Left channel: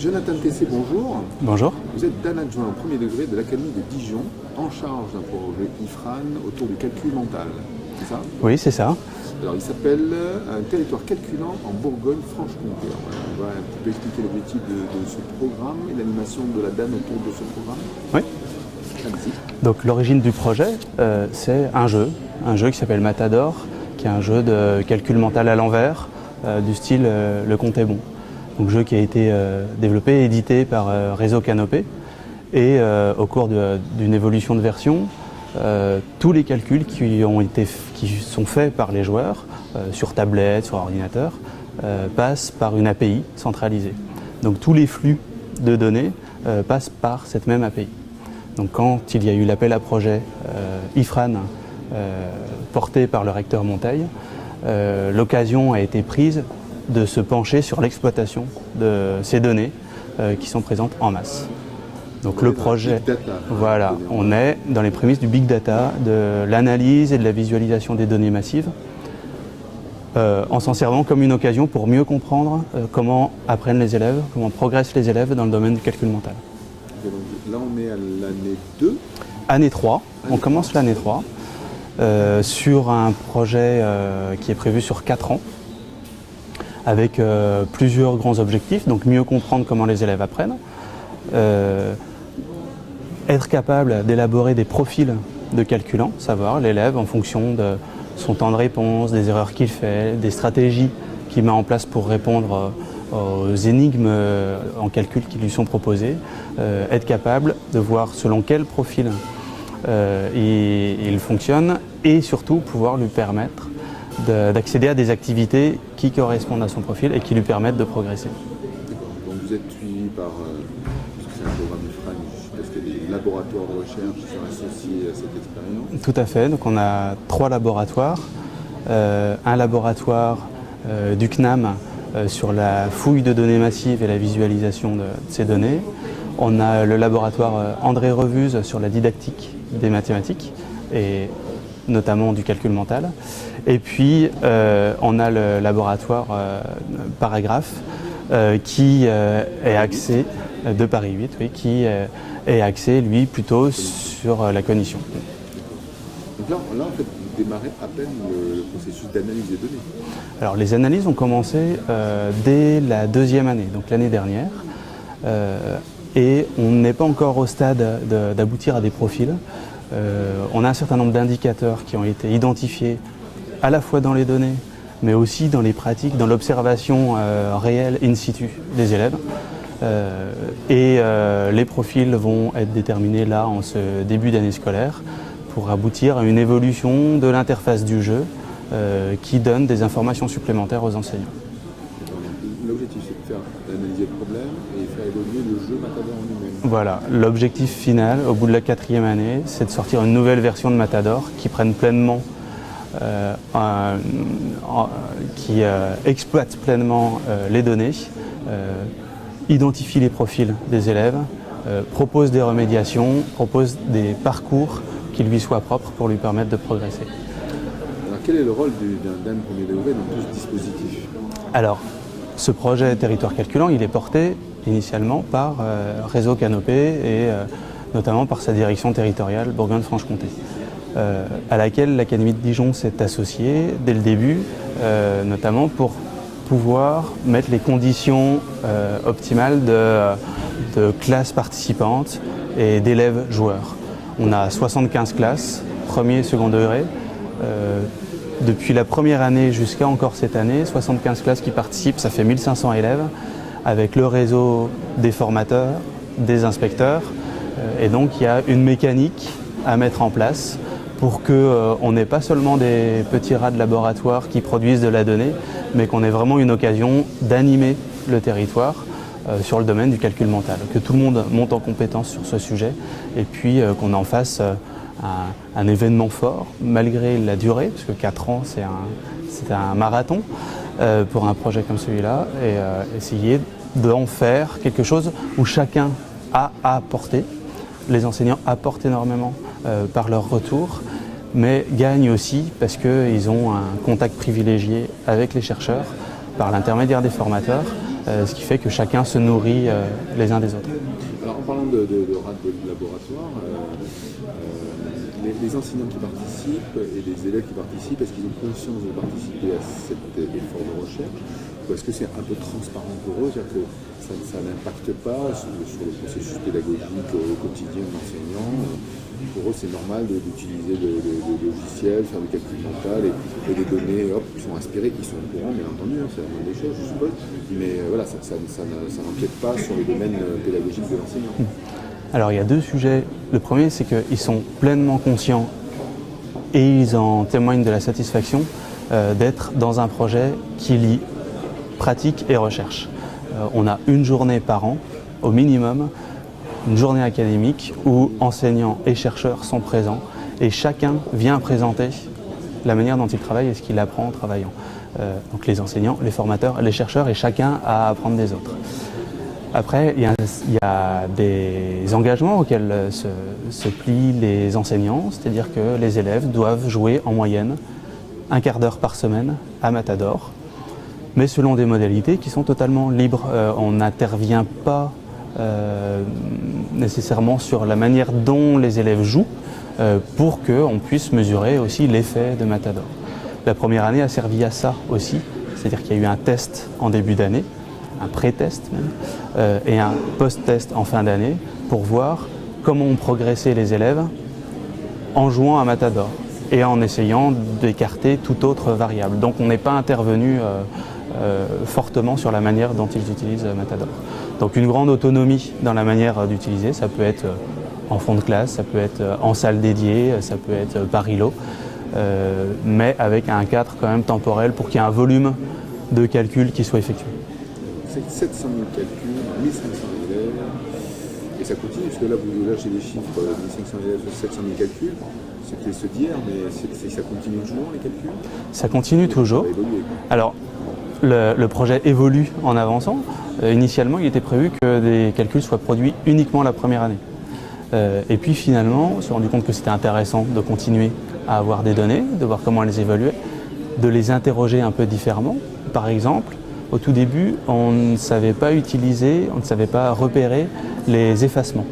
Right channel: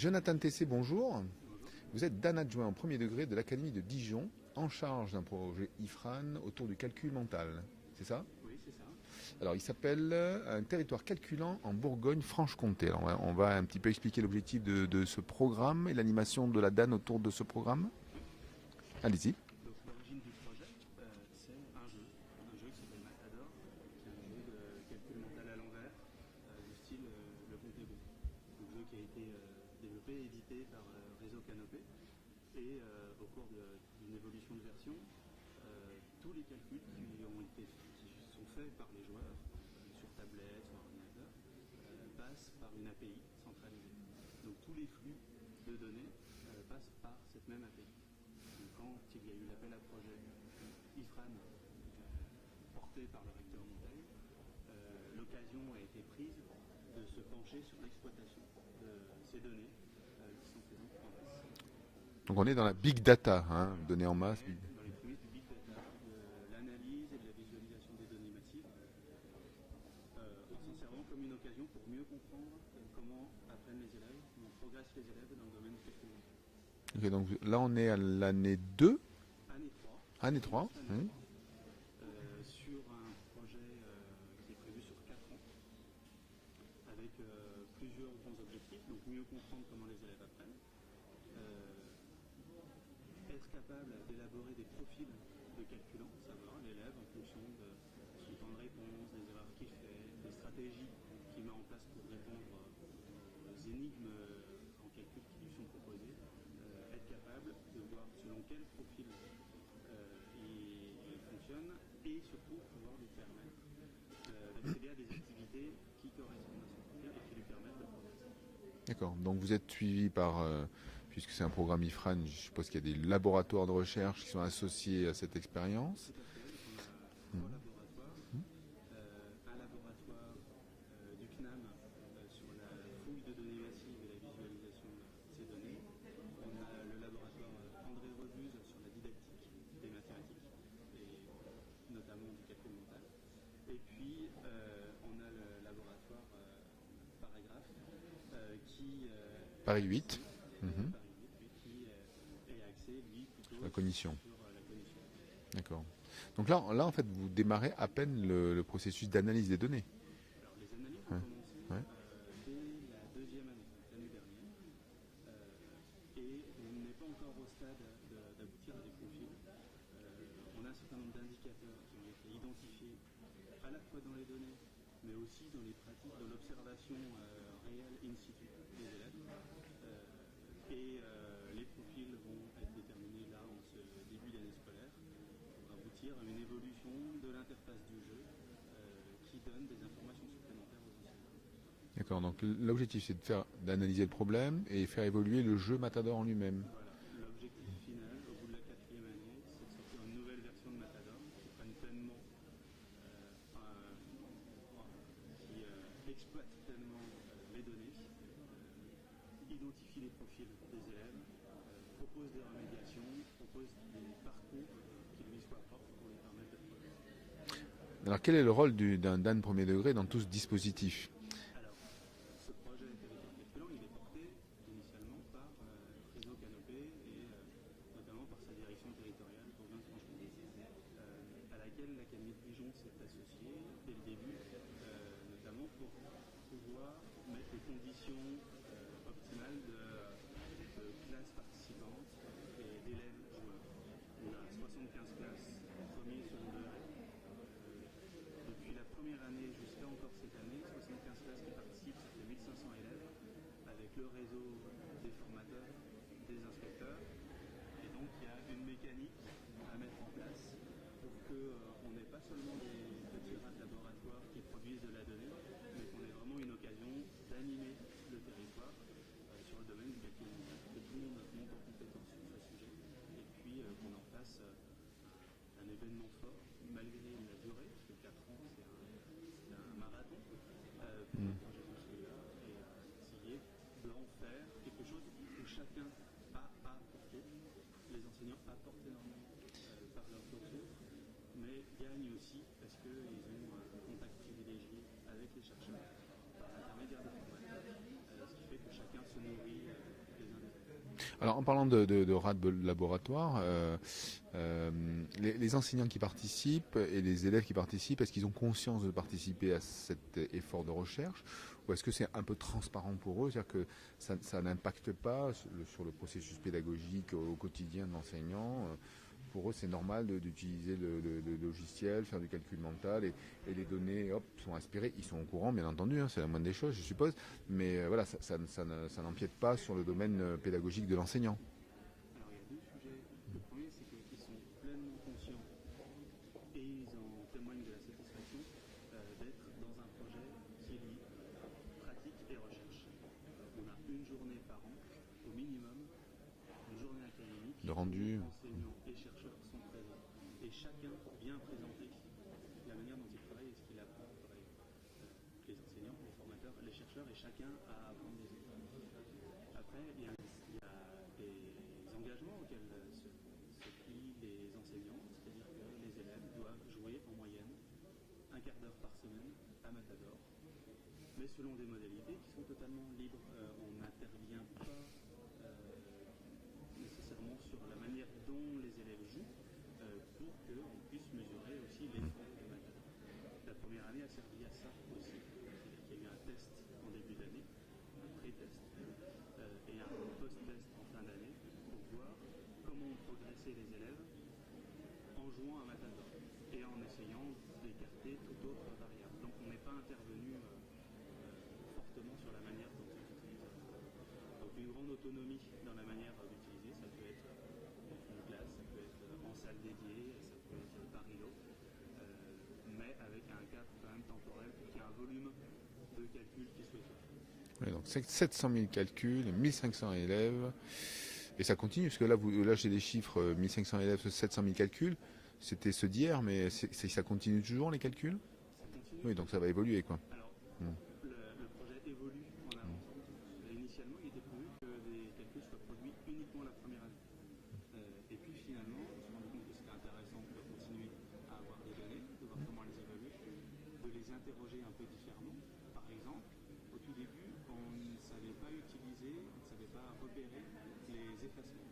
Jonathan Tessé, bonjour. Bonjour. Vous êtes Dan adjoint en premier degré de l'Académie de Dijon, en charge d'un projet IFRAN autour du calcul mental. C'est ça? Oui, c'est ça. Alors, il s'appelle Un territoire calculant en Bourgogne-Franche-Comté. On va un petit peu expliquer l'objectif de ce programme et l'animation de la DAN autour de ce programme. Oui. Allez-y. Donc l'origine du projet, c'est un jeu qui s'appelle Matador, qui est un jeu de calcul mental à l'envers, du style Le compte est bon. Donc jeu qui a été développé et édité par Réseau Canopé. Et au cours d'une évolution de version, tous les calculs qui sont faits par les joueurs, sur tablette, sur ordinateur, passent par une API centralisée. Donc tous les flux de données passent par cette même API. Donc quand il y a eu l'appel à projet IFRAN porté par le recteur Monteil, l'occasion a été prise de se pencher sur l'exploitation de ces données qui sont présentes en masse. Donc le projet, Big Data. voilà, on est dans les prémices du Big Data, de l'analyse et de la visualisation des données massives, en s'en servant comme une occasion pour mieux comprendre comment apprennent les élèves, comment progressent les élèves dans le domaine du calcul mental. Et donc, là, on est à l'année 2. Année 3, on commence l'année 3 sur un projet qui est prévu sur 4 ans, avec plusieurs grands objectifs, donc mieux comprendre comment les élèves apprennent, être capable d'élaborer des profils de calculants, savoir l'élève en fonction de son temps de réponse, des erreurs qu'il fait, des stratégies qu'il met en place pour répondre aux énigmes en calcul qui lui sont proposées, être capable de voir selon quel profil il fonctionne et surtout pouvoir lui permettre d'accéder à des activités qui correspondent à son profil et qui lui permettent de progresser. D'accord. Donc vous êtes suivi par, puisque c'est un programme IFRAN, parce qu'il y a des laboratoires de recherche qui sont associés à cette expérience. Tout à fait, donc on a 3 laboratoires. Un laboratoire du CNAM sur la fouille de données massives et la visualisation de ces données. On a le laboratoire André Revuse sur la didactique des mathématiques et notamment du calcul mental. Et puis on a le laboratoire Paragraphe qui est axé de Paris 8, oui, qui est axé lui plutôt sur la cognition. Donc là, en fait, vous démarrez à peine le processus d'analyse des données. Alors les analyses ont commencé dès la 2e année, donc l'année dernière, et on n'est pas encore au stade d'aboutir à des profils. On a un certain nombre d'indicateurs qui ont été identifiés à la fois dans les données, mais aussi dans les pratiques, dans l'observation réelle in situ des élèves. Les profils vont être déterminés là en ce début d'année scolaire pour aboutir à une évolution de l'interface du jeu qui donne des informations supplémentaires aux enseignants. L'objectif, c'est d'analyser le problème et faire évoluer le jeu Matador en lui-même. Voilà, l'objectif final, au bout de la 4e année, c'est de sortir une nouvelle version de Matador qui prenne pleinement, qui exploite pleinement les données, identifie les profils des élèves, propose des remédiations, propose des parcours qui lui soient propres pour lui permettre de progresser. Alors quel est le rôle d'un premier degré dans tout ce dispositif? Alors, ce projet Territoire Calculant, il est porté initialement par Réseau Canopé et notamment par sa direction territoriale Bourgogne-Franche-Comté, à laquelle l'Académie de Dijon s'est associée dès le début, notamment pour pouvoir mettre les conditions optimales de classes participantes et d'élèves joueurs. On a 75 classes, premier et second degré. Depuis la première année jusqu'à encore cette année, 75 classes qui participent, ça fait 1500 élèves, avec le réseau des formateurs, des inspecteurs. Et donc il y a une mécanique à mettre en place pour qu'on n'ait pas seulement des petits rats de laboratoire qui produisent de la donnée, mais qu'on ait vraiment une occasion d'animer le territoire sur le domaine du calcul mental. Que tout le monde monte en compétence sur ce sujet et puis qu'on en fasse un événement fort, malgré la durée, parce que 4 ans, c'est un marathon pour un projet comme celui-là, et essayer d'en faire quelque chose où chacun a à apporter. Les enseignants apportent énormément par leur retour, mais gagnent aussi parce qu'ils ont un contact privilégié avec les chercheurs, par l'intermédiaire des formateurs, ce qui fait que chacun se nourrit les uns des autres. Alors en parlant de rats de laboratoire, les enseignants qui participent et les élèves qui participent, est-ce qu'ils ont conscience de participer à cet effort de recherche ou est-ce que c'est un peu transparent pour eux, c'est-à-dire que ça n'impacte pas sur le processus pédagogique au quotidien de l'enseignant? Pour eux, c'est normal d'utiliser le logiciel, faire du calcul mental et les données sont inspirées, ils sont au courant, bien entendu, c'est la moindre des choses, je suppose, mais voilà, ça n'empiète pas sur le domaine pédagogique de l'enseignant. Alors il y a deux sujets. Le premier, c'est qu'ils sont pleinement conscients et ils en témoignent de la satisfaction d'être dans un projet qui lie pratique et recherche. On a une journée par an, au minimum, une journée académique où enseignants et chercheurs sont présents et chacun vient présenter la manière dont il travaille et ce qu'il apprend en travaillant. Donc les enseignants, les formateurs, les chercheurs et chacun à apprendre des autres. Après, il y a des engagements auxquels se plient les enseignants, c'est-à-dire que les élèves doivent jouer en moyenne un quart d'heure par semaine à Matador, mais selon des modalités qui sont totalement libres. On n'intervient pas nécessairement sur la manière dont les élèves jouent pour qu'on puisse mesurer aussi l'effet de Matador. La première année a servi à ça aussi, c'est-à-dire qu'il y a eu un test en début d'année, un pré-test même, et un post-test en fin d'année pour voir comment ont progressé les élèves en jouant à Matador et en essayant d'écarter toute autre variable. Donc on n'est pas intervenu fortement sur la manière dont ils utilisent Matador. Donc une grande autonomie dans la manière d'utiliser, ça peut être en fond de classe, ça peut être en salle dédiée, ça peut être par îlot, mais avec un cadre quand même temporel pour qu'il y ait un volume de calcul qui soit effectué. C'est 700 000 calculs, 1500 élèves, et ça continue, parce que là j'ai des chiffres, 1500 élèves, 700 000 calculs, c'était ceux d'hier, mais ça continue toujours les calculs? Ça continue toujours. Ça va évoluer, quoi. Alors, le projet évolue en avançant. Initialement, il était prévu que des calculs soient produits uniquement la première année. Et puis finalement, on s'est rendu compte que c'était intéressant de continuer à avoir des données, de voir comment elles évoluaient, de les interroger un peu différemment. Par exemple, au tout début, on ne savait pas utiliser, on ne savait pas repérer les effacements.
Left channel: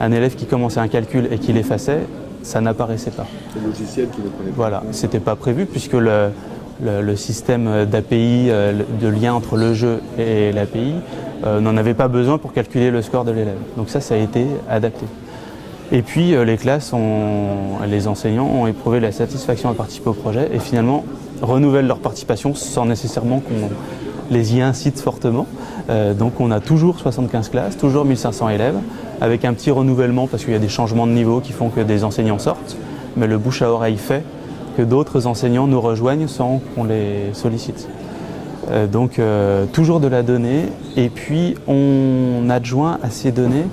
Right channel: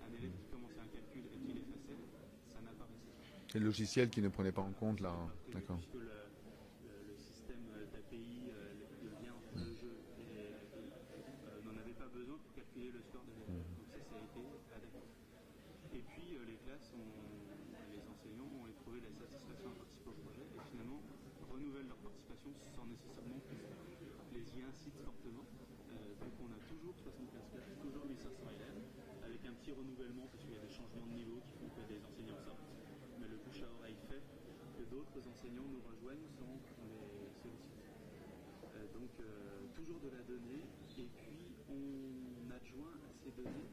Un élève qui commençait un calcul et qui l'effaçait, ça n'apparaissait pas. C'est le logiciel qui ne prenait pas. Voilà, c'était pas prévu puisque le système d'API, de lien entre le jeu et l'API, n'en avait pas besoin pour calculer le score de l'élève. Donc ça a été adapté. Et puis les enseignants ont éprouvé la satisfaction à participer au projet et finalement renouvellent leur participation sans nécessairement qu'on les y incite fortement. Donc on a toujours 75 classes, toujours 1500 élèves, avec un petit renouvellement parce qu'il y a des changements de niveau qui font que des enseignants sortent, mais le bouche à oreille fait que d'autres enseignants nous rejoignent sans qu'on les sollicite. Donc toujours de la donnée et puis on adjoint à ces données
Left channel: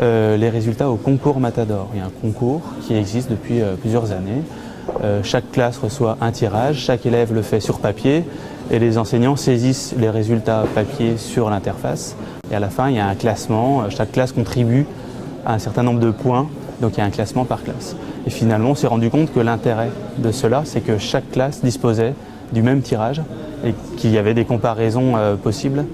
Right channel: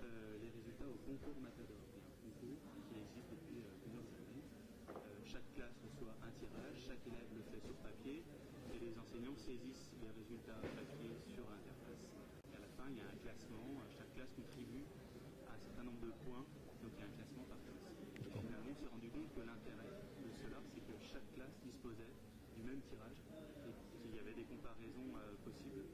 les résultats au concours Matador. Il y a un concours qui existe depuis plusieurs années. Chaque classe reçoit un tirage, chaque élève le fait sur papier et les enseignants saisissent les résultats papier sur l'interface. Et à la fin, il y a un classement, chaque classe contribue à un certain nombre de points, donc il y a un classement par classe. Et finalement, on s'est rendu compte que l'intérêt de cela, c'est que chaque classe disposait du même tirage et qu'il y avait des comparaisons possibles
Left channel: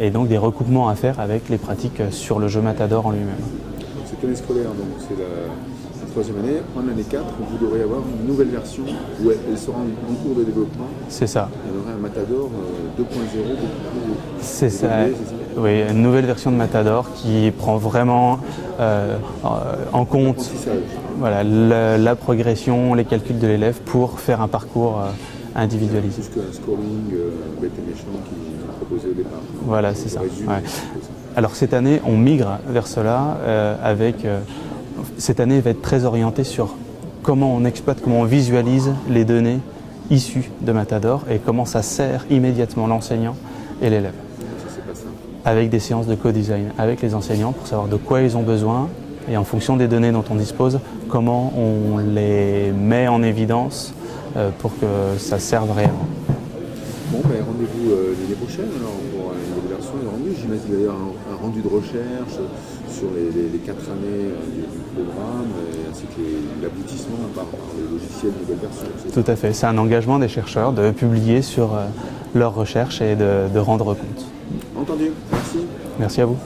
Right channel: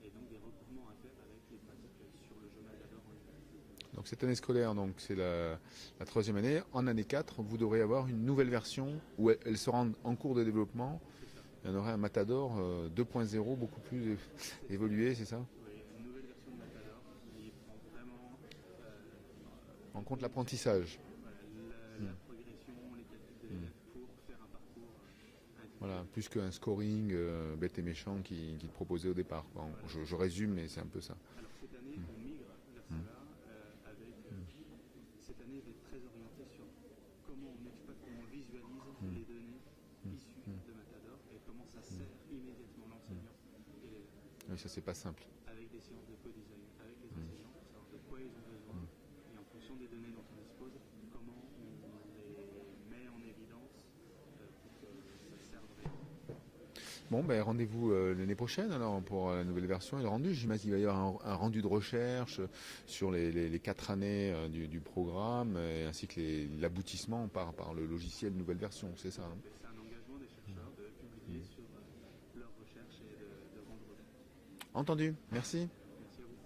et donc des recoupements à faire avec les pratiques sur le jeu Matador en lui-même. Donc cette année scolaire, donc c'est la troisième année. En année 4, vous devrez avoir une nouvelle version où elle sera en cours de développement. C'est ça. Il y aurait un Matador 2.0 beaucoup plus. C'est ça. Oui, une nouvelle version de Matador qui prend vraiment en compte voilà, la progression, les calculs de l'élève pour faire un parcours individualisé. Plus qu'un scoring bête et méchant qui proposait au départ. Voilà, c'est ça. Ouais. Alors cette année, on migre vers cela cette année va être très orientée sur comment on exploite, comment on visualise les données issues de Matador et comment ça sert immédiatement l'enseignant et l'élève. Avec des séances de co-design avec les enseignants pour savoir de quoi ils ont besoin et en fonction des données dont on dispose, comment on les met en évidence pour que ça serve réellement. Bon, ben, rendez-vous l'année prochaine alors, pour une nouvelle version et rendu. j'imagine qu'il va y avoir un rendu de recherche sur les 4 années du programme, ainsi que l'aboutissement par le logiciel nouvelle version. Tout à fait. C'est un engagement des chercheurs de publier sur leurs recherches et de rendre compte. Entendu. Merci. Merci à vous.